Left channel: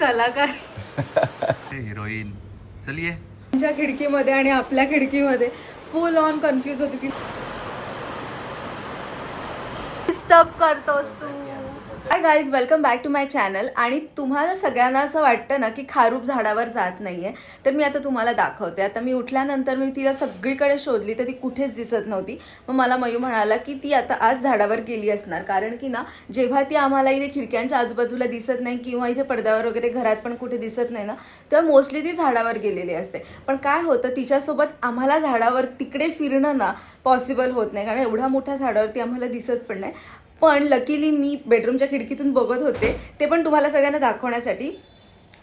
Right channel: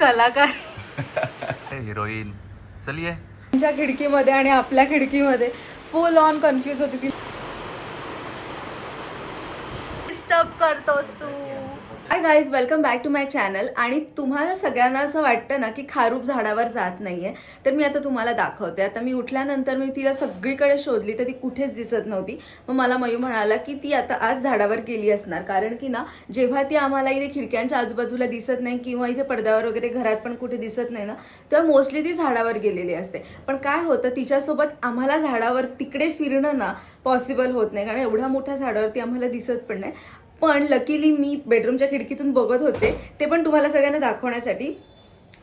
कलाकार हिरोईन. चलिए. तुमच्या खिडकीमध्ये आणि आपल्या खिडकीमध्ये फुल ऑन कन्फ्युज होती ती. डिस्टर्ब करतोस तू. Hi guys, welcome back to my channel. आणि तुम्हाला सगळ्यांना असं वाटतं ना की खारूप झाडावर जात नाहीये, तर मी आता तुम्हाला दाखवते. आता मी उठल्यानंतर मी तिला सगळीकडे शोधली तर ती कुठेच दिसत नव्हती. मग मला मयू म्हणाला की ती आता आज झाडावर गेली असणार, कारण की ना जेव्हा ती आम्हाला इथे खिडक्यांच्या आजूबाजूला दिसत नाही किंवा इथे पडद्यावर वगैरे घरात पण कुठे दिसत नाही ना, तर मोस्टली ती झाडावर गेलेली असते. पण काय होतं, तिच्यासोबत आम्हाला झाडावर तिकडे फिरणं ना पॉसिबल होत नाही, कारण एवढ्या मोठ्या झाडावरती आम्हाला दिसत पण नाही. पण लकीली मी बेडरूमच्या खिडकीतून बघत होते, ते पण तुम्हाला सगळ्यांना दाखवण्यासाठी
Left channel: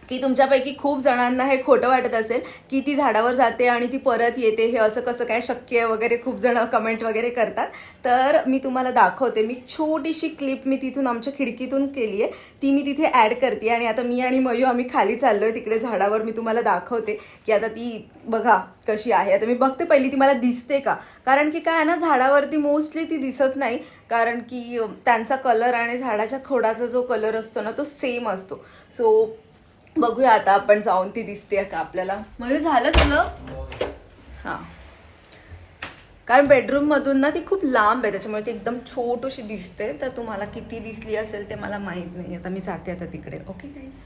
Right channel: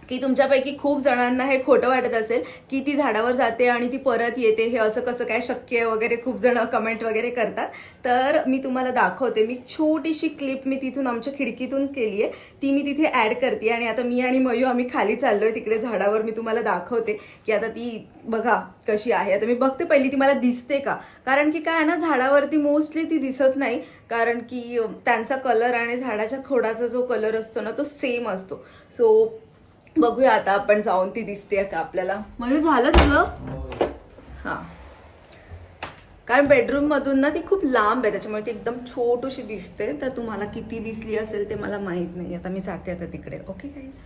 की तुमच्यापैकी खूप जणांना हे खोटं वाटत असेल की ती झाडावर जाते आणि ती परत येते, हे असं कसं काय शक्य आहे वगैरे खूप जण कमेंट वगैरे करतात. तर मी तुम्हाला दाखवते. मी छोटीशी क्लिप मी तिथून आमच्या खिडकीतून केली आहे, ती मी तिथे ॲड करते. आणि आता मी आणि मयू आम्ही खाली चाललोय तिकडे झाडावर. मी तुम्हाला दाखवते की आता ती बघा कशी आहे. आता मी बघते पहिली ती मला दिसते का, कारण की काय आहे ना, झाडावरती मोस्टली ती दिसत नाही, कारण की त्यांचा कलर आणि झाडाच्या खोडाचा जो कलर असतो ना तो सेम असतो. सो बघूया आता आपण जाऊन ती दिसते का आपल्याला. म्हणजे झालं तुझं? हां, कारण बेडरूम मधून ना ती खूप लांब आहे, त्याच्यामुळे ती एकदम छोटीशी दिसते. तर तुम्हाला किती दिसली असेल ते मला माहित नाही. आता मी जाते आता तिकडे. ओके गाईज,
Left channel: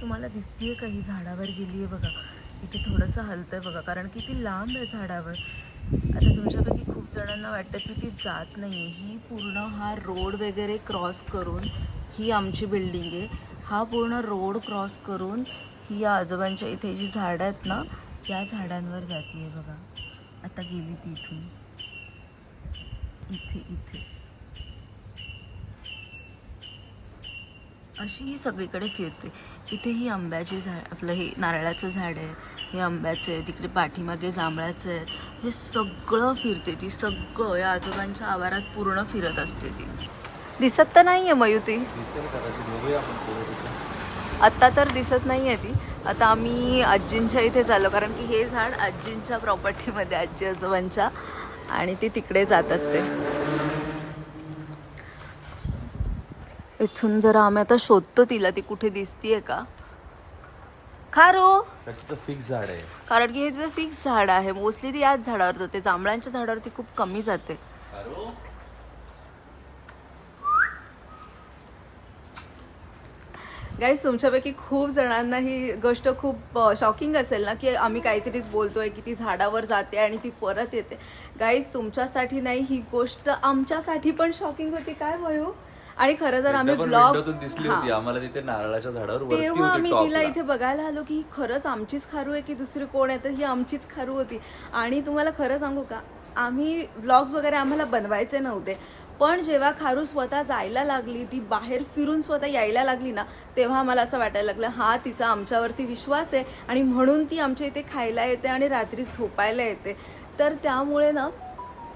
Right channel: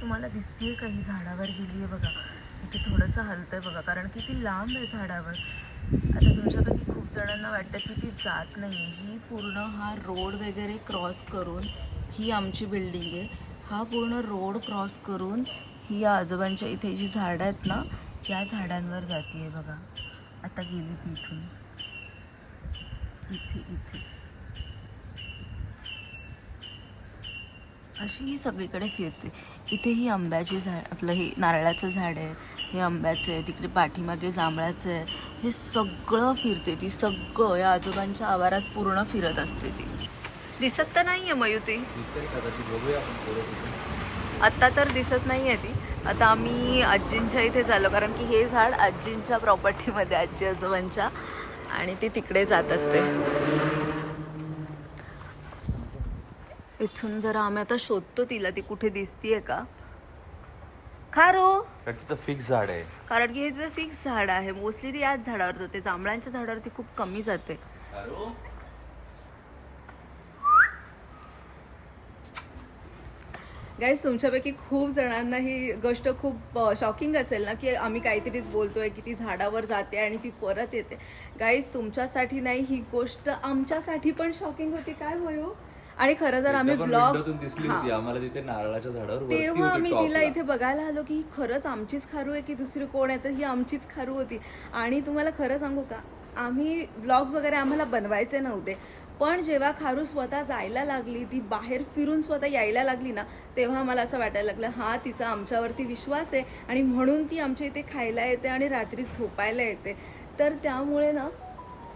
तुम्हाला दिसतीये का ही झाडावर गेली आहे बघा. इथे थोडंसं हलतंय बघा, कारण की ती लांब आहे झाडावर. आता तुमच्यापैकी खूप जणांना वाटतं की ती जात नाही. ही पूर्ण हा रोड वगैरे क्रॉस करून ही आमची बिल्डिंग आहे. हा पूर्ण रोड क्रॉस करून ही या आजोबांच्या इथे जी झाडं आहेत ना, या झाडांवर जाती आहे बघा. आता गेली ती इथून इथे इथे अशी ही सगळीकडे फिरते. इथे ही आंब्याची झाड, आपलं हे नारळाचं झाड आहे, हे आंब्याचं आहे, तिकडे पाठीमागे जांभळाचं आहे. हे सगळं फिरते ती, सगळं या आजोबांच्या आवारात पूर्ण फिरत असते ती. दिसत तर नाही आहे मयू ती. आत्ता तर दिसत नाही आहे ती. आता आम्ही आजींच्या इथे चाललो, कारण की हे झाड आजींच्या प्रॉपर्टीमध्ये, आजी आजोबांच्या, आणि ती तिकडे जात असते. इथून जरा आम्ही आता शोधतो तिला, ती कुठे दिसतीये का. खारू फिक्स झाड आहे, कारण की हे फिक्स झाड आहे. मोस्टली ती याच झाडावर जाते, जांभळांच्या झाडावरती खूप कमी जाते. गाईज, तुमच्यापैकी खूप जणांना ही गोष्ट खूप शॉकिंग असेल ना, की आम्ही काहीतरीच बोलतोय की ती झाडावर जाते आणि ती परत येते. गाईज, तुमच्यासाठी नाही, ही गोष्ट आमच्यासाठी पण शॉकिंग होती. काय मयू? आणि खरं तर आम्ही ब्लॉग आम्हाला तिथे नारळाच्या झाडावर तेव्हा आम्ही तिला इथे बघायला आलो की ही खरंच आमचीच खारू आहे की दुसरी कोण आहे, तर ही आमचीच खारू होती. आणि तुम्हाला खरं सांगू का, आम्ही व्लॉग्स वगैरे आम्हाला बनवायचे नव्हते, पण जेव्हा खारू स्वतः जायला लागली, ती बाहेर फिरून स्वतः यायला लागली ना, तेव्हा मला असं वाटायला लागलं हा तिचा आमच्यावरती विश्वास आहे आणि म्हणून ती आमच्या इथे खायला येते आणि रात्री झोपायला येते. तर त्यामुळे ना,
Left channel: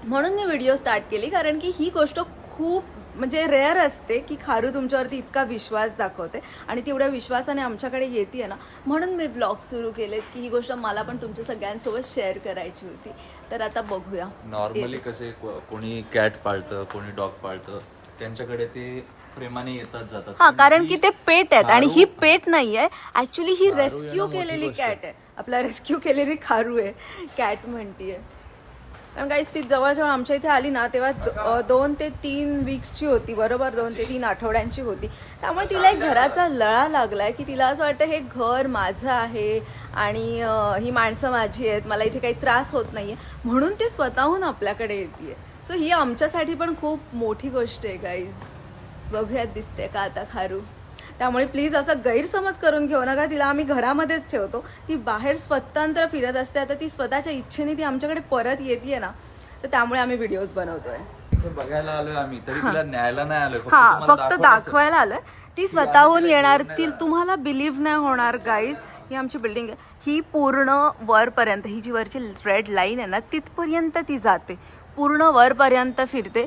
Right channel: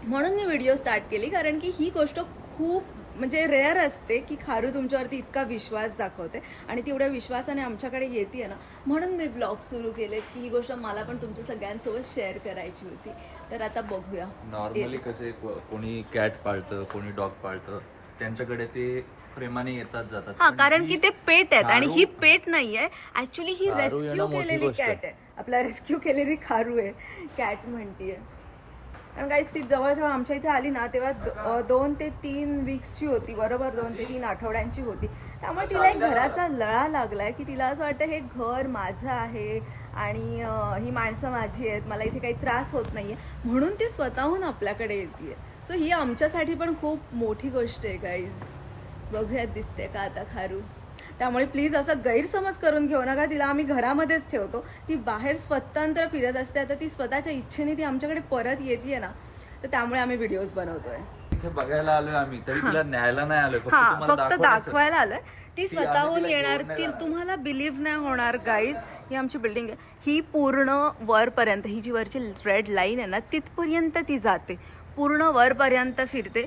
म्हणून मी व्हिडिओ स्टार्ट केली, कारण की ही गोष्ट खूप म्हणजे रेअर असते की खारू तुमच्यावरती इतका विश्वास दाखवते आणि तेवढ्या विश्वासाने आमच्याकडे येते ना. म्हणून मी ब्लॉग सुरू केले की ही गोष्ट मला पण तुमच्या सगळ्यांसोबत शेअर करायची होती. तर आता बघूया. नॉर्मली कसे कोणी कॅट पाळतं, कोणी डॉग पाळतं, त्यांच्याकडे ते प्रेमाने येतात जातात. हा, कारण की ते पेट आहेत आणि ही पेट नाही आहे. ऍक्च्युली ही रेस्क्यू केलेली कॅट आहे, आपला रेस्क्यू केलेली खारू आहे, कॅट म्हणतीये. कारण काही ती जवळजवळ आमच्या इथे आली ना, तेव्हा 2 ते 3 वीक्सची होती, बरोबर 2 ते 3 आठवड्यांची होती. त्यामुळे तिला एक घराचा लळा लागलाय की तिला असं वाटतं हे घर माझं आहे आणि ही माणसं माझी आहेत, मला इथे काही त्रास होत नाहीये, म्हणून ती स्वतःहून आपल्याकडे येते. सो ही आमच्यासाठी पण खूप मोठी गोष्ट आहे गाईज. बघूयात दिसते का आता खारू. त्यामुळे प्लीज असं गैरसमज करून घेऊ नका. तिला आम्ही घरामध्येच ठेवतो, ती बाहेर स्वतंत्र फिरत असते. आता ती स्वतःच्या इच्छेने ती आमच्याकडे परत येते ना, तर त्यामुळे आम्ही व्हिडिओज बनवतोय. बघायला आलोय आम्ही, तरी तिला न्यायला नाही आलोय, फक्त दाखवायला आलोय. ती स्वतःहून येणार, ती तुम्हाला बिलीव्ह नाही होणार गाईज. ही आमची बिल्डिंग आहे, ही पूर्ण वरपर्यंत, ही जी वरची रेड लाईन आहे ना, तिथपर्यंत ती जाते, पूर्ण वरपर्यंत फिरते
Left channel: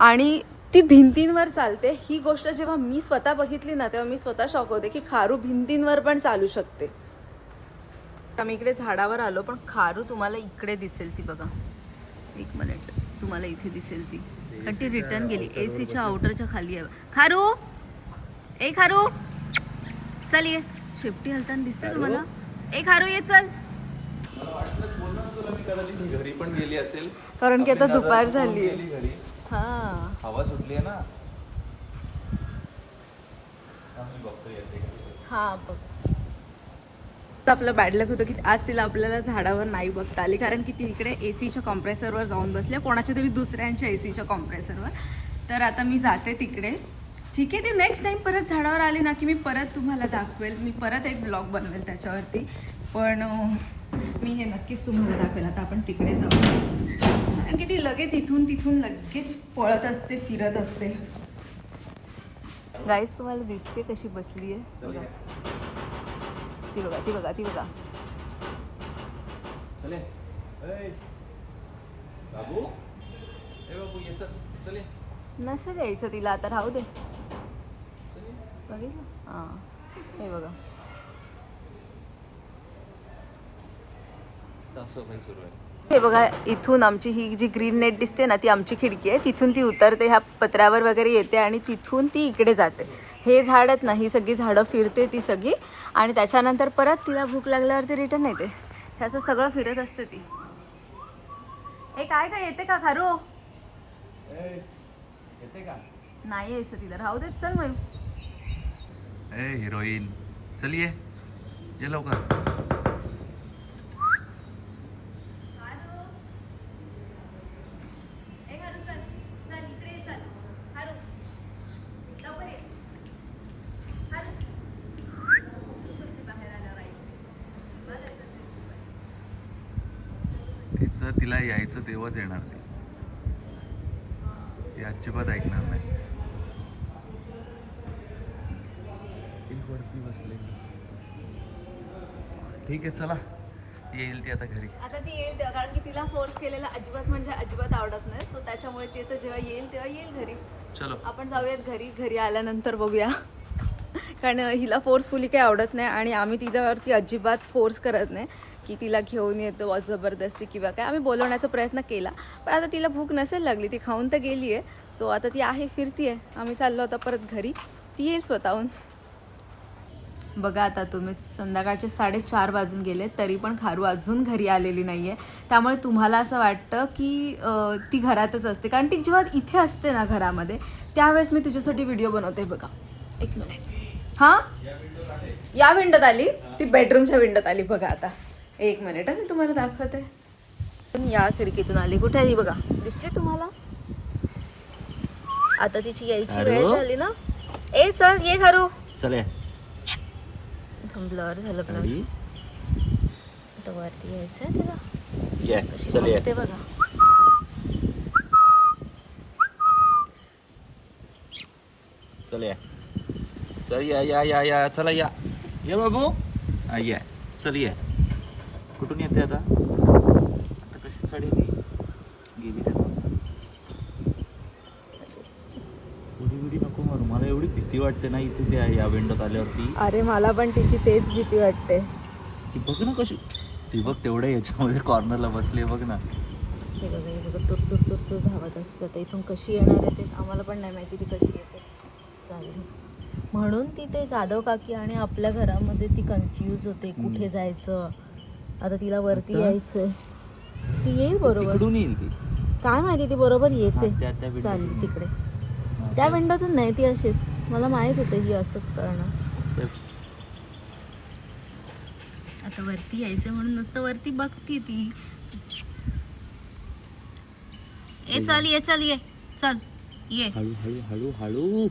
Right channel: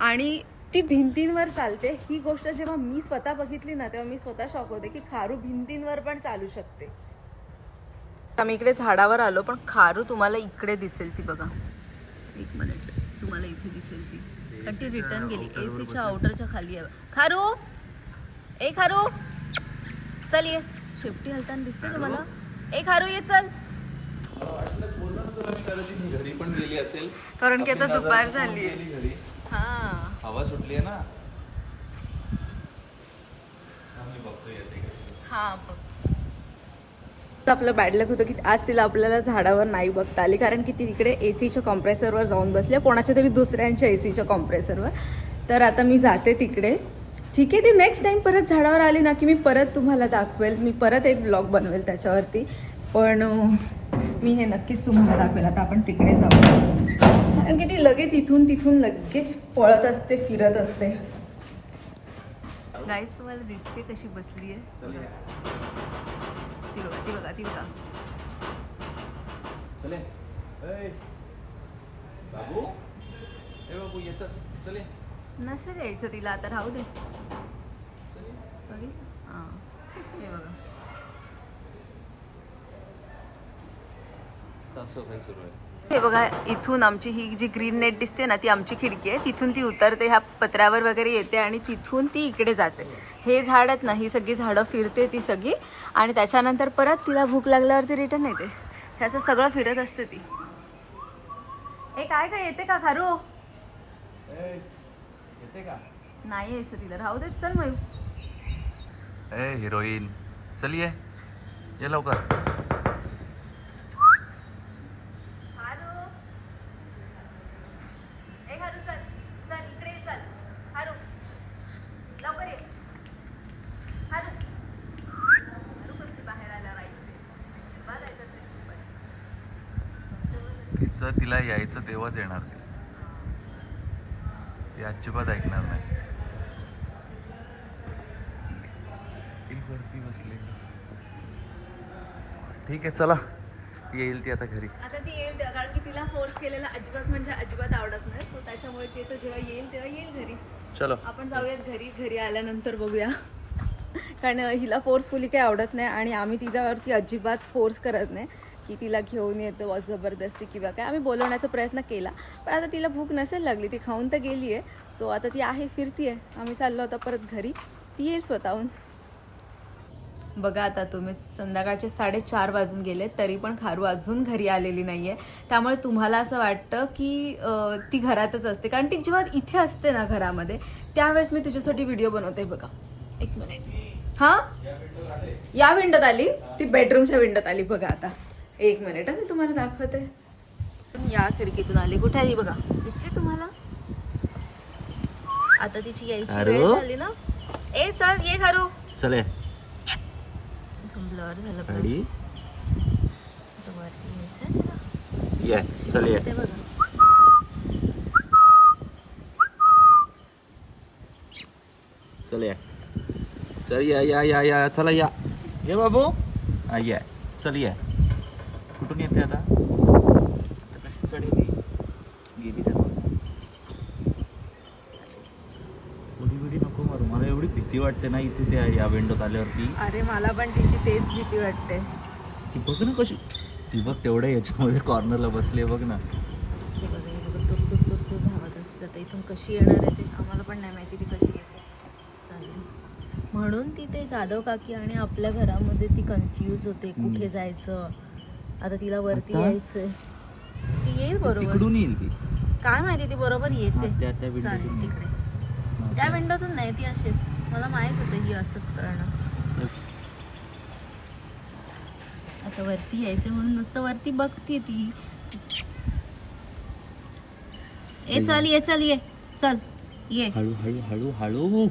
आणि ती भिंतींवर चालते. ही गोष्ट जेव्हा मी स्वतः बघितली ना, तेव्हा मी स्वतः शॉक होते की खारू भिंतींवर पण चालू शकते. आम्ही इकडे झाडावर आलो, पण खारू तुम्हाला इकडे दिसेल ती बघा. एक मिनिट, तुम्हाला इथे दिसेल ती. कारण ती रिटर्न गेली. एसीच्या आउटरच्या खाली आहे. खारू ए खारू चल ये. शेपटी हलताना दिसते तुम्हाला? ए खारू ये चल. घरी पण गेली असेल कारण की आता आपली दुपार नजर झाली गेली घरी. हा. हवा सुटली आहे ना. आम्ही बघतोय येते. हा बघ. आपलं बॅड लक होतं की आज तिला आपल्याला झाडावर नाही बघता आली, कारण की ती तिकडे एसीच्या कॉम्प्रेसरवर जाऊन बसले, कोणाच्या तरी दुसऱ्यांच्या एसीच्या कॉम्प्रेसरवर. तर आता मी जाते तिकडे. ठीक आहे, ती नेक्स्ट टाइम परत झाडावर आली ना की मी परत तुम्हाला दाखवेल. मी परत एक ब्लॉग बनवेल त्याच्यावरती. पण मी हे नक्कीच तुम्हाला दाखवेल. आता आपण तिकडे जाऊ, कारण की ती लगेच इथून तिथून लगेच पळत असते, फिरत असते. गाईस तुम्हाला दिसते कशी बसली आहे? बघा ती बघा ती बघा ती बघा. चले ए बाबू, ए बाबू ये चल. चले नसेल यायचं तिला आता, राहू दे. बघितलं? हां हे बघा. साफसफाई सुरू आहे. हे बघा, इथून आमची ही जी ग्रीन नेट दिसते ना ती आमची खिडकी आहे. तिथून ती उतरते, ह्या पत्र्यावर वगैरे येते आणि तिथून ती इकडे जाते. हे झाड आहेत ना, ही सगळी झाडं फिरते ती सगळी, आणि त्याच्यानंतर परत तिला भूक लागल्यावरती रिटर्न येते. हे असं सगळं फिरत असते ती. ए काय काय येते का खारू? येते का? नाही यायचं तिला, राहू देत. चल मयू. ए हिरोईन चल ये लवकर. तिचं तिला यायचं तेव्हाच येणार ती अजिबात ऐकणार नाही. वरती बसले. ठीक आहे चला, येईल ती आता घरी. आता ती येईल तेव्हा, कारण की तिला फोर्स केलेला अजिबात म्हणजे अजिबात आवडत नाही. सो त्याच्यामुळे ती तर जेव्हा येईल तेव्हा येईल घरी. चलो आपण जाऊयात घरी. घरी आल्यानंतर बघूया, कारण हिला फोर्सफुली काही आवडत नाही आणि आम्ही तिच्यावरती अजिबात फोर्स करत नाही की तिला घेऊन येतो जबरदस्ती किंवा काय. आम्ही बोलवण्याचा प्रयत्न केला, पण आता तिला भूक नसेल लागली, ती खाऊन तर गेली आहे. सो आता ती आहे, फिरती आहे. आम्ही चाललो होता परत घरी, ती येईल स्वतःहून. बघा आता तुम्ही, संध्याकाळचे 4:30 वाजून गेले तरी पण खारू अजून घरी आलेली नाही आहे. त्यामुळे तुम्हाला असं वाटतं की ती घरातच असते, कारण ती जेव्हा इथे असते ना घरामध्ये त्यावेळेस मी तिच्यासाठी व्हिडिओ बनवते. बघा एक मिनिट. हां या विंडोत आली, ती बेडरूमच्या विंडोत आली. बघा आता एक मिनिट मी तुम्हाला दाखवते. या खिडकीतून आली. कुठे आली बघा, दिसली तुम्हाला? आता तिची यायची वेळ झाली ना. ए चल ये खारू. चले. ब्लर झालं ब्लर. आता वरती यायचंय तिला. चल ते बघा. चल या. चल या चला या बाबू. या चल या. कुठून येते आता? कशी चढली गेली त्या उडी नको मारू. मला एवढी भीती वाटते ना इथे त्या या विंडोत आल्यावरती. अरे मला पण तिची तेच भीती वाटते. ती बघ ना कशी, ती बघ तेवढ्या याच्यामध्ये कॉर्नरला बसली बघ ना. हे बघा हे बघा, तुर तुर तुर तुर धावत असतं. तर इथून कशी येणार आहे ते आम्हाला पण नाही माहिती, ती कशी येते. चालेल, म्हणून ती ते जाधव काकी आणि आपल्या घरामध्ये ती कन्फ्यूज होते कुठे जायचं. आता तिला वरती यायचंय. ती येईल बरोबर. कुठून येईल ती काय माहिती, ती बरोबर येते. त्या चालेल तिकडे, त्या विंडोतून नाही, ती अशीच. मला माहित होतं ही असंच करणं. आता वरती यायचं म्हणून नुसतं वरती बघते ती. ए चल ये चल ये चल ये. हळू हळू हळू हळू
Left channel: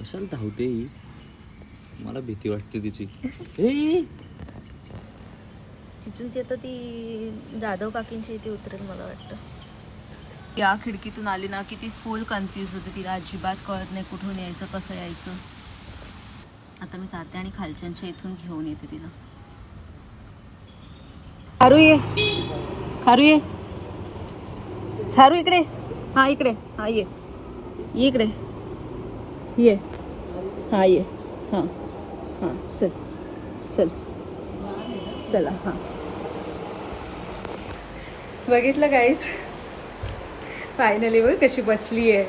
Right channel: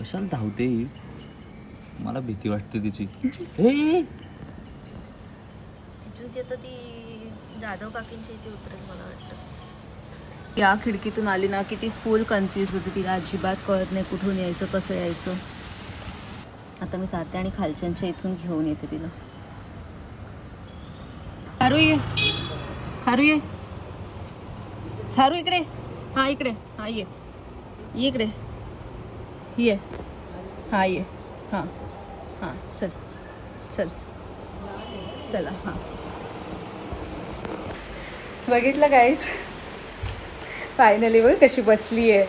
कशाला धावते ही? मला भीती वाटते तिची. तिथून ती आता ती जाधव काकींच्या इथे उतरेल मला वाटतं. या खिडकीतून आली ना की ती फुल कन्फ्यूज होते. तिला अजिबात कळत नाही कुठून यायचं, कसं यायचं. आता मी जाते आणि खालच्यांच्या इथून घेऊन येते तिला. खारू ये, खारू ये, खारू इकडे. हा इकडे, हा ये इकडे ये. हा ये. हां हां चल चल चला. हां बघितलं गाईज, फायनली बघ कशी बसली आहे.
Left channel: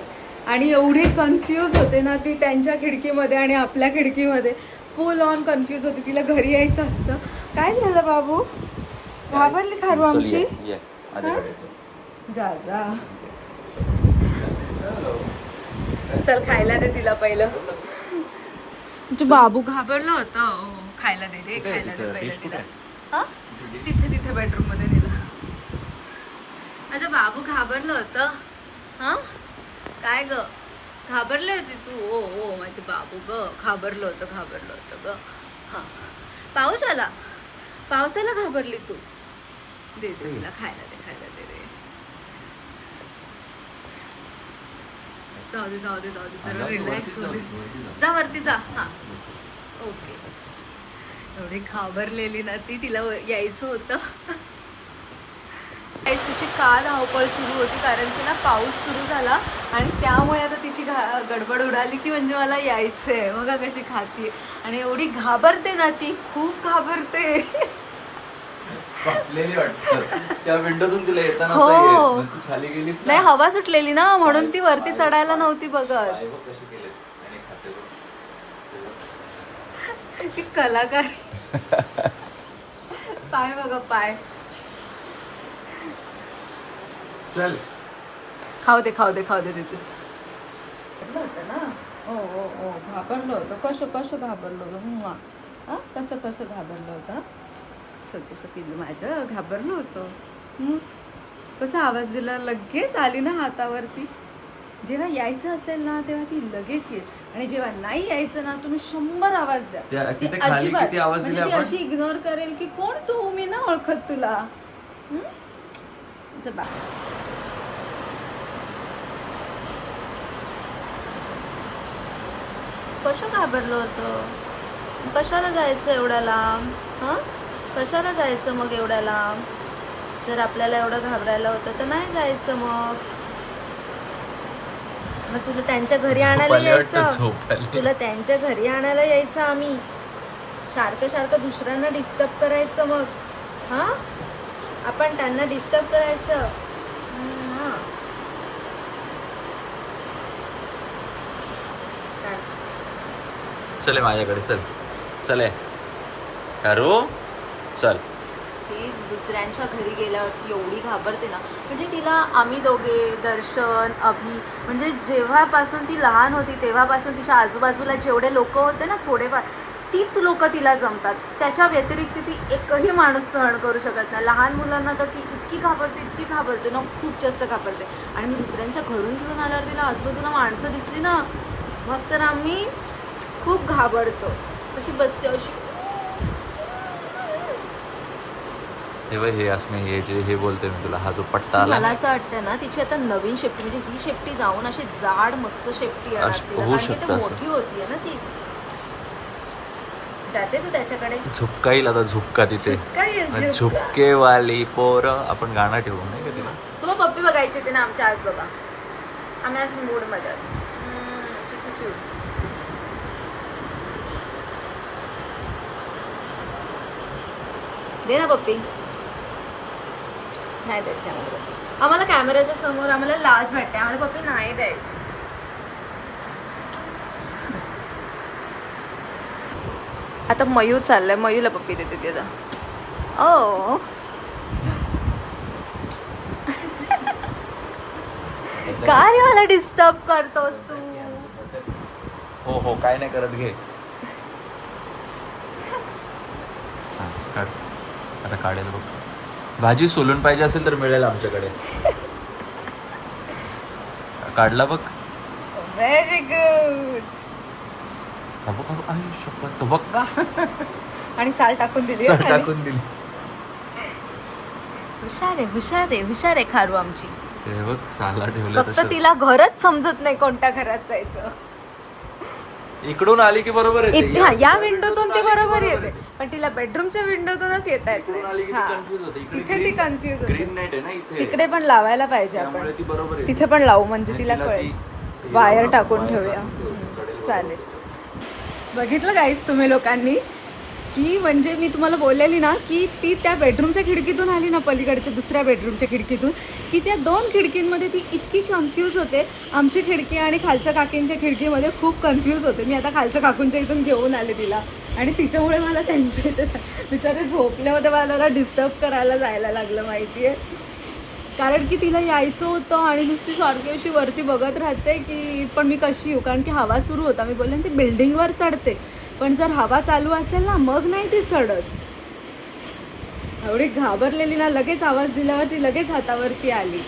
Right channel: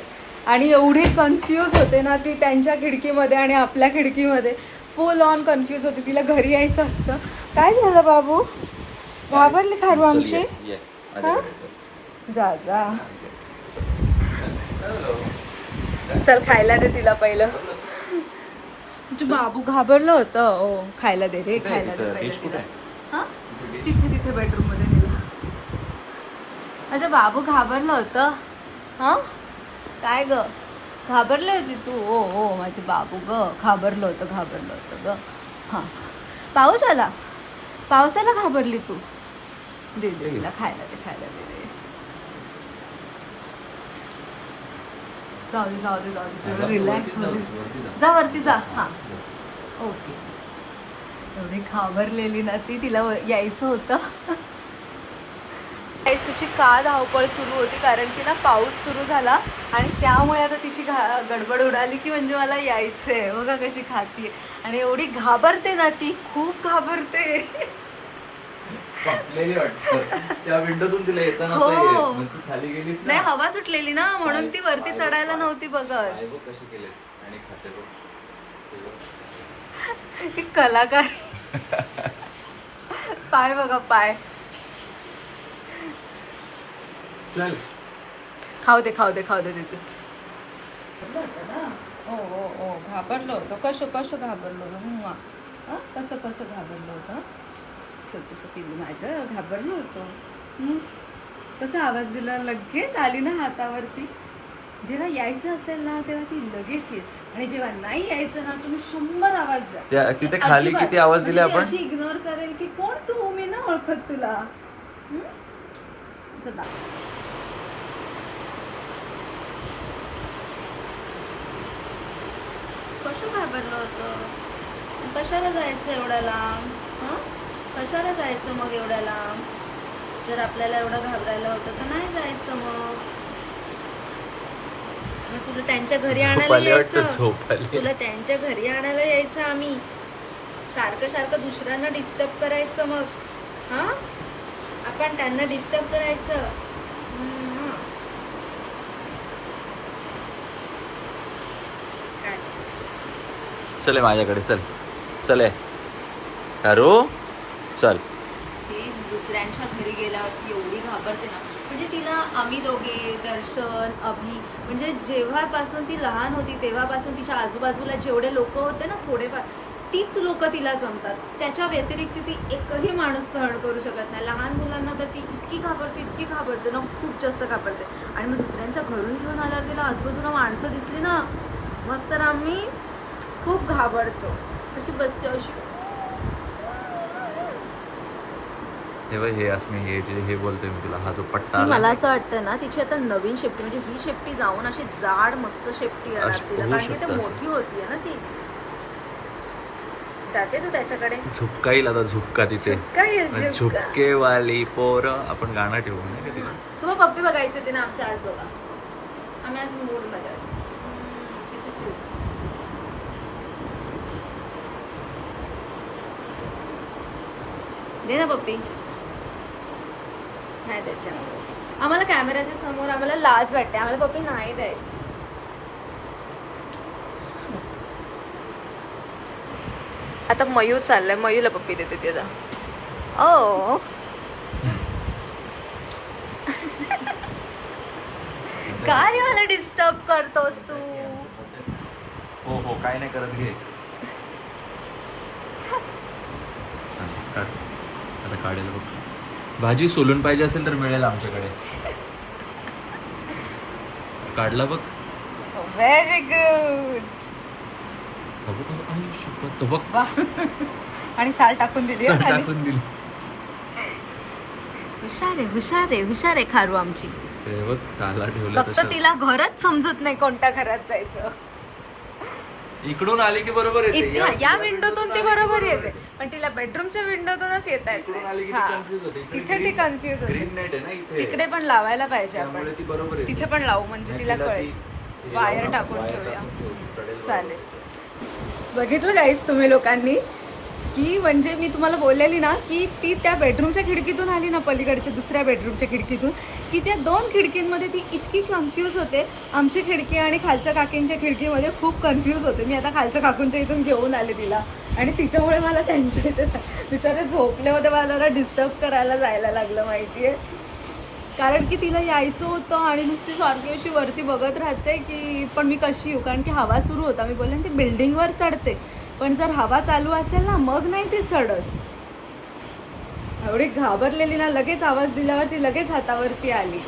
आणि एवढी कन्फ्यूज होते ना ती त्यांच्या खिडकीमध्ये आणि आपल्या खिडकीमध्ये. फुल ऑन कन्फ्यूज होते. तिला घरी यायचं असतं. काय झालं बाबू, घाबरली खारू आमची? हा? जा जा, चल खायला दे तिला पहिलं. तू बाबू घाबरलं होतं. ओ खायला दे रे, खायला दे पहिलं तिला. हा तिथे तिथे बेडरूम मध्ये दिला. अच्छा बाबू घाबरलं होतं. हा काय ग, घाबरले होती तू? ओ हो माझे बाबू ग, घाबरलं होतं ग. हा पाऊस आला, पावसाला घाबरली तू? दे तिला खायला दे, खायला दे. जाऊ दे रिलॅक्स हो दे. जा वरती जा. हा ओके. एवढी घाबरलेली ना ती, तिला यायचं होतं. तिची का धावपळ सुरू होती कारण की ना पाऊस सुरू झाला आणि त्यामुळे आता तिची गडबड उडाली की म्हणजे मला यायचंय. बघा कशी खातीये आणि एवढी घाबरते ना ती, खूप घाबरते. त्या विंडोतून तिला येताना खाली गेलीस नाही, हवा सुटलेली ना म्हणून ती वरती चढायला नव्हती बघत. कलाकार. पाय बघा पाय. चल खाऊ दे तिथेच. ओ घाबरलो होतं. कसं घाबरलो होतं? कसं घाबरलो होतं? छोटंसं पिल्लू माझं घाबरलो होतं. कसा आवाज दिला, लगेच आली ना हातावरती. जेव्हा यायचं असेल ना तेव्हा ती लगेच येईल आणि जेव्हा नाही यायचं ना तुम्ही 100 आवाज द्या. तिथे खाली किती आवाज दिले आपण? अशी इग्नोर करेल की कोण तू, मी ना ओळखत तुला. कसं घाबरलो होतं? कशाला जायचं एवढ्या लांब? हा कशाला जायचं मग एवढ्या लांब? जर आपल्याला एवढं घाबरायला होतं तर नाही जायचं. मग तुला त्यांच्या घरी आणायला यायचं. तुला त्यांच्या घरी आणायला यायचं आम्ही. सारखं दुसऱ्यांना डिस्टर्ब करायचं. मग हा आपण त्यांना डिस्टर्ब करायचं. चले माझ्याकडे, चल कारू चल. ती दुसऱ्यांच्या घरी गेल्यावरती एवढी घाबरते ना, म्हणजे तिला आम्ही दोघे, दर्शन, अभि, म्हणजे जेव्हापासून ती लहान होती तेव्हापासून तिच्या आजूबाजूला जेवढे लोक होते ना थोडेफार, तीच लोक तिला जमतात. त्याच्या व्यतिरिक्त ती एकही माणूस सहन करू शकत नाही. लहान मुलांना तर ती इतकी घाबरते ना, खूप जास्त घाबरते. आणि मी दुसऱ्यांच्या घरून घेऊन आल्यावर तिला आजूबाजूला माणसं दिसली ना मग तर आम्ही खूप घाबरतो. कशी बसते अशी. हे अस्मी, हे बोलते मी तुला, हा जो पट्टा आला. मला असं वाटतं ना तिची आता नवीन शेपटी, म्हणजे ही शेपटी जाऊन अशी जाड मस्त शेपटी येणार तिला, कारण की ती मोठी होतीये ना ती. जाते तू त्याच्याकडे? झुपका येईल आता, झुपका तिथे. झुपकेवाली पोर आपण गाणं ठेवू नाही का तिला? तुला पप्पी बघायची होती ना आमच्या आज. बघा आम्ही आज मूड मध्ये दे ना पप्पी. नाही द्यायची आम्हाला पप्पी. आम्हाला कॅमेऱ्याच्या समोर आम्हाला लाज वाटते. आम्हाला पप्पी नाही द्यायची. आता मयू चाललाय, मयूला पप्पी देते ती आता. ओ का रे मला डिस्टर्ब करतोस तू? हो काय नाही करत, घे. आता काढेल. भाजी सोलून पाहिजे असेल तर मिळेल आमच्याकडे. काढला बघ. Very good. आणि साल टाकून दिली. हुशार आहे खारू आमची. फक्त तिला घरच समजत नाही कोणत्या घरात जायचं. इकडून आली की बरोबर येते. या विंडोतून ती बरोबर येते पण तिला बेडरूमच्या विंडोतूनच येता येत नाही. तिथे ती कन्फ्युज होते. तिकडे पण लावायला पाहिजे आपण. तिथे पण लावू म्हणजे तिला कळेल. वायर टाकून ठेवूया. चालेल. बघितलं गाईस तुम्ही लोकांनी, ती म्हणजे मी तुम्हाला बोललेली ना की ती त्या बेडरूमच्या खिडकीतून आली ना, पलीकडच्या दुसऱ्या बेडरूमच्या खिडकीतून, की त्या 2 खिडकींमध्ये ती इतकी कन्फ्यूज होते. आमची खिडकी आणि खालच्या काकींच्या खिडकीमध्ये खूप कन्फ्यूज होते. मी आता खालच्या काकूंच्या इथून घेऊन आले तिला आणि तिच्यामुळे मला त्यांच्या इथे बिचारे झोपले होते, मला जरा डिस्टर्ब करायला जायला लागलं माहिती आहे. कारण की तिला यायचं होतं आणि नुसती सारखी अशी वरती बघत राहते की पण मी कशी येऊ, कारण की हवा सुरू होता. मी बोलले ती बिल्डिंगवर चढते, पण जर हवा चालू असेल ना मग नाही ती चढत. एवढी घाबरलेली ना, लगेच आवाज दिल्यावर ती लगेच हातावरती आली.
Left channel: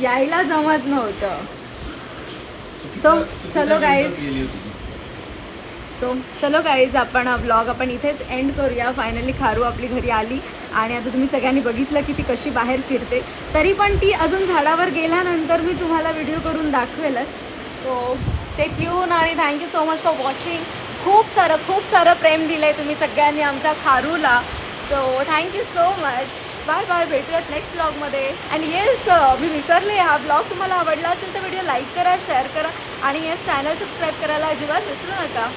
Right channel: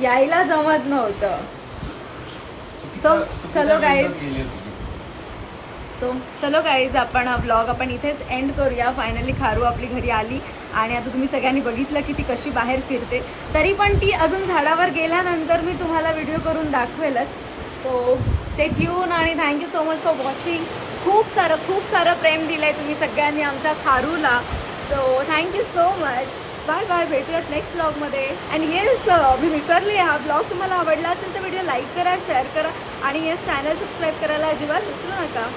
यायला जमत नव्हतं. चलो गाईज आपण हा ब्लॉग आपण इथेच एंड करूया. फायनली खारू आपली घरी आली आणि आता तुम्ही सगळ्यांनी बघितलं की ती कशी बाहेर फिरते. तरी पण ती अजून झाडावर गेल्यानंतर मी तुम्हाला व्हिडिओ करून दाखवेलच. सो स्टे ट्यून आणि thank you so much for watching. खूप सारं प्रेम दिलंय तुम्ही सगळ्यांनी आमच्या खारूला. So thank you so much. Bye bye. भेटूयात नेक्स्ट ब्लॉगमध्ये. आणि येस, मी विसरले, हा ब्लॉग तुम्हाला आवडला असेल तर व्हिडिओ लाईक करा, शेअर करा आणि येस चॅनल सबस्क्राईब करायला अजिबात विसरू नका.